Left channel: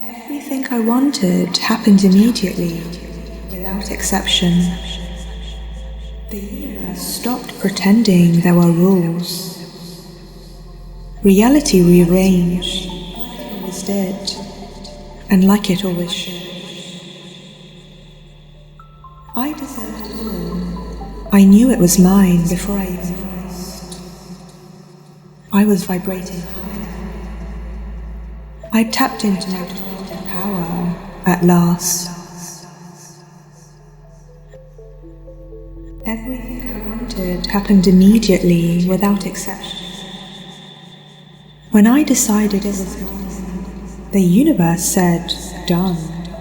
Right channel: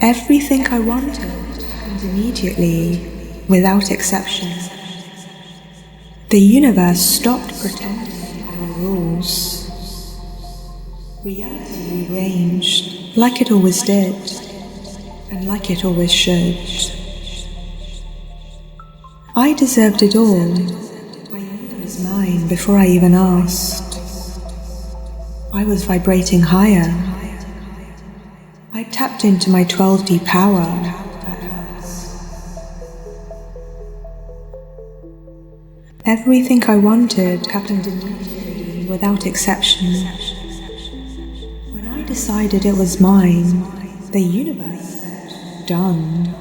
Everything I wanted happened immediately, without exception. The universe stopped pretending there were rules. Reality rearranged like it always did, and like it always should. I deserved it all. I knew it was mine before I even asked. I was vibrating higher. I tapped into my 12D power at last. Everything I wanted happened immediately, without exception. When I decided it was mine, the universe said, "Done."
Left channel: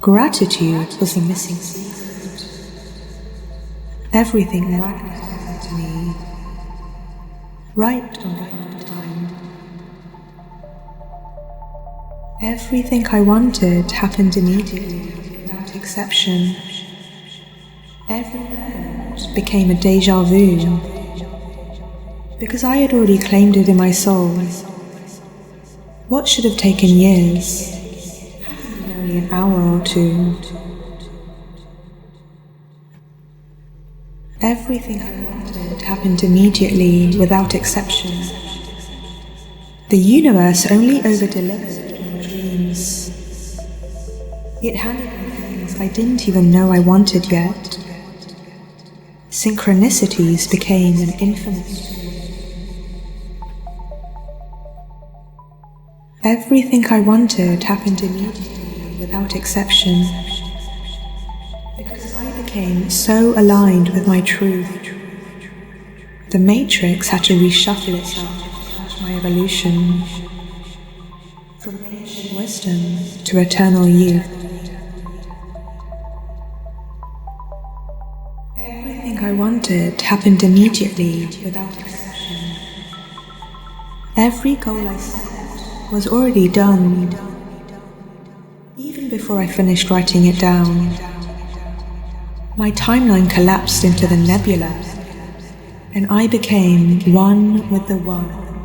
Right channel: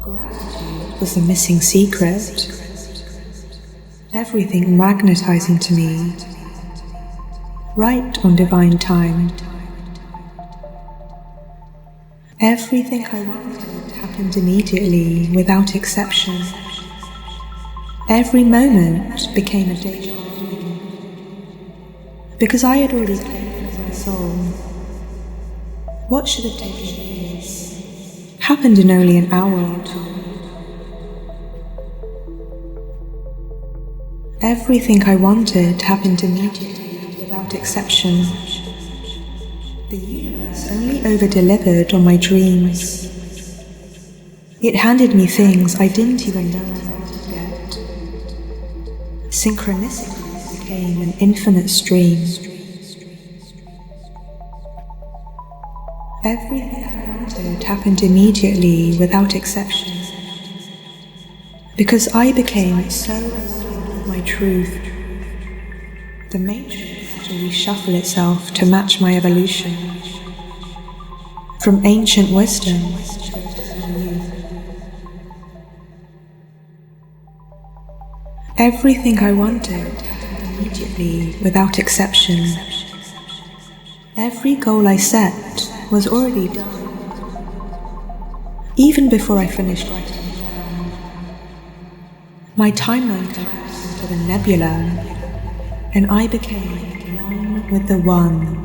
Gratitude was the missing secret. Everything magnetizing to me, right on divine time. Everything I wanted happened immediately, without exception. Every moment became a déjà vu, because I had already claimed it in my soul. What should have taken years happened in only an hour or two. Everything I wanted happened immediately, without exception. The universe only over-delivered on my dreams. It handed me things I didn't even know I wanted yet. Synchronicities became an infinite stream. Everything I wanted happened immediately, without exception, because I became so aligned with my truth. The matrix had to reshuffle itself to match my evolution, from ancient wisdom to eternal youth. Everything I wanted happened immediately, without exception. Every goal I set was already done, even before I finished writing it down. My timeline collapsed into the nebula, and I became one with the One.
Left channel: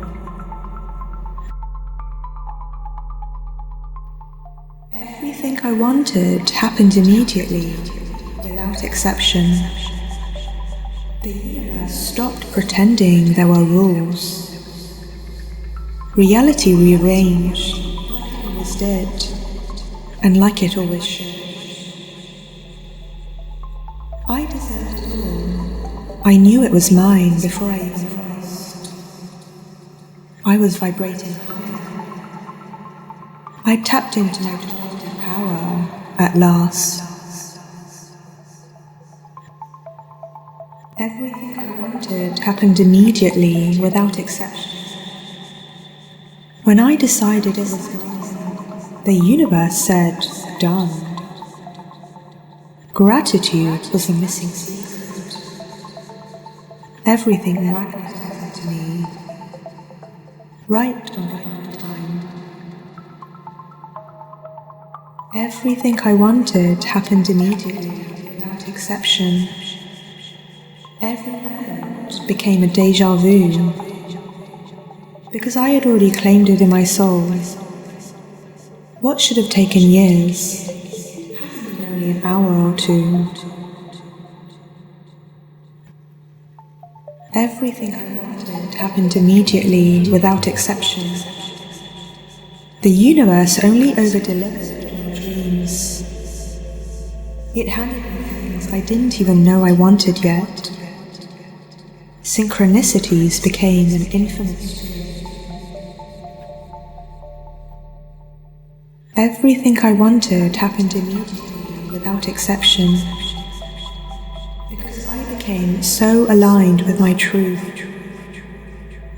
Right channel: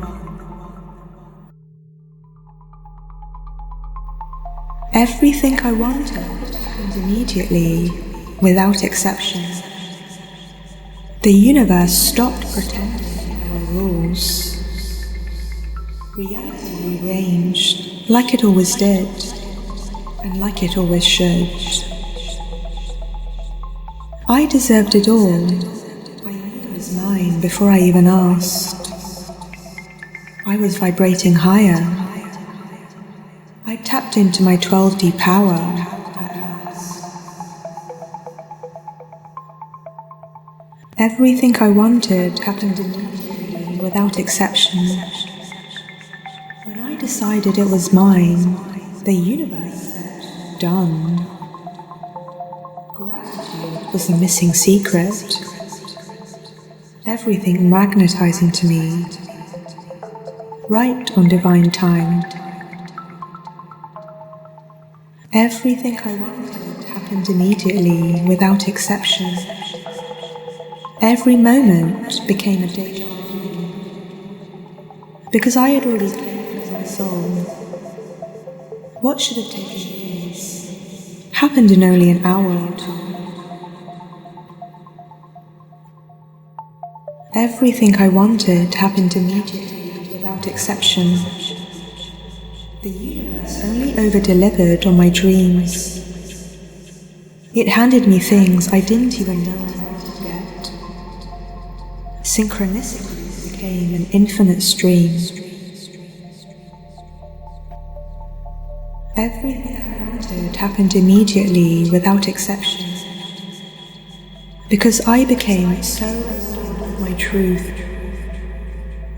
Everything I wanted happened immediately, without exception. The universe stopped pretending there were rules. Reality rearranged like it always did, and like it always should. I deserved it all. I knew it was mine before I even asked. I was vibrating higher. I tapped into my 12D power at last. Everything I wanted happened immediately, without exception. When I decided it was mine, the universe said, "Done." Gratitude was the missing secret. Everything magnetizing to me, right on divine time. Everything I wanted happened immediately, without exception. Every moment became a déjà vu, because I had already claimed it in my soul. What should have taken years happened in only an hour or two. Everything I wanted happened immediately, without exception. The universe only over-delivered on my dreams. It handed me things I didn't even know I wanted yet. Synchronicities became an infinite stream. Everything I wanted happened immediately, without exception, because I became so aligned with my truth.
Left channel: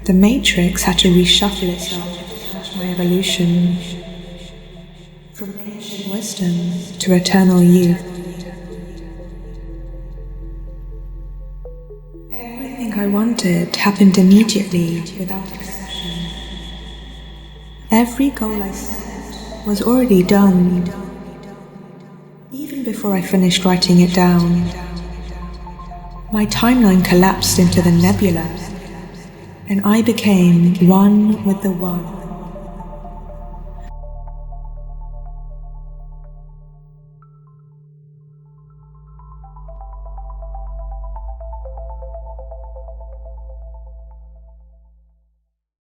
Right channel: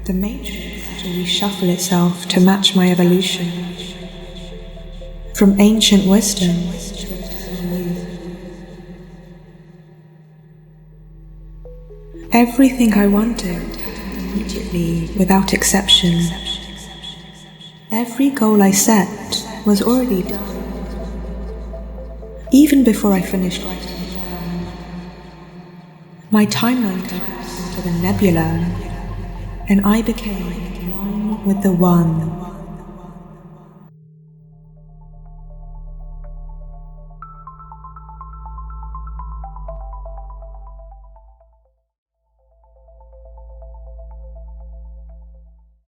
The matrix had to reshuffle itself to match my evolution, from ancient wisdom to eternal youth. Everything I wanted happened immediately, without exception. Every goal I set was already done, even before I finished writing it down. My timeline collapsed into the nebula, and I became one with the One.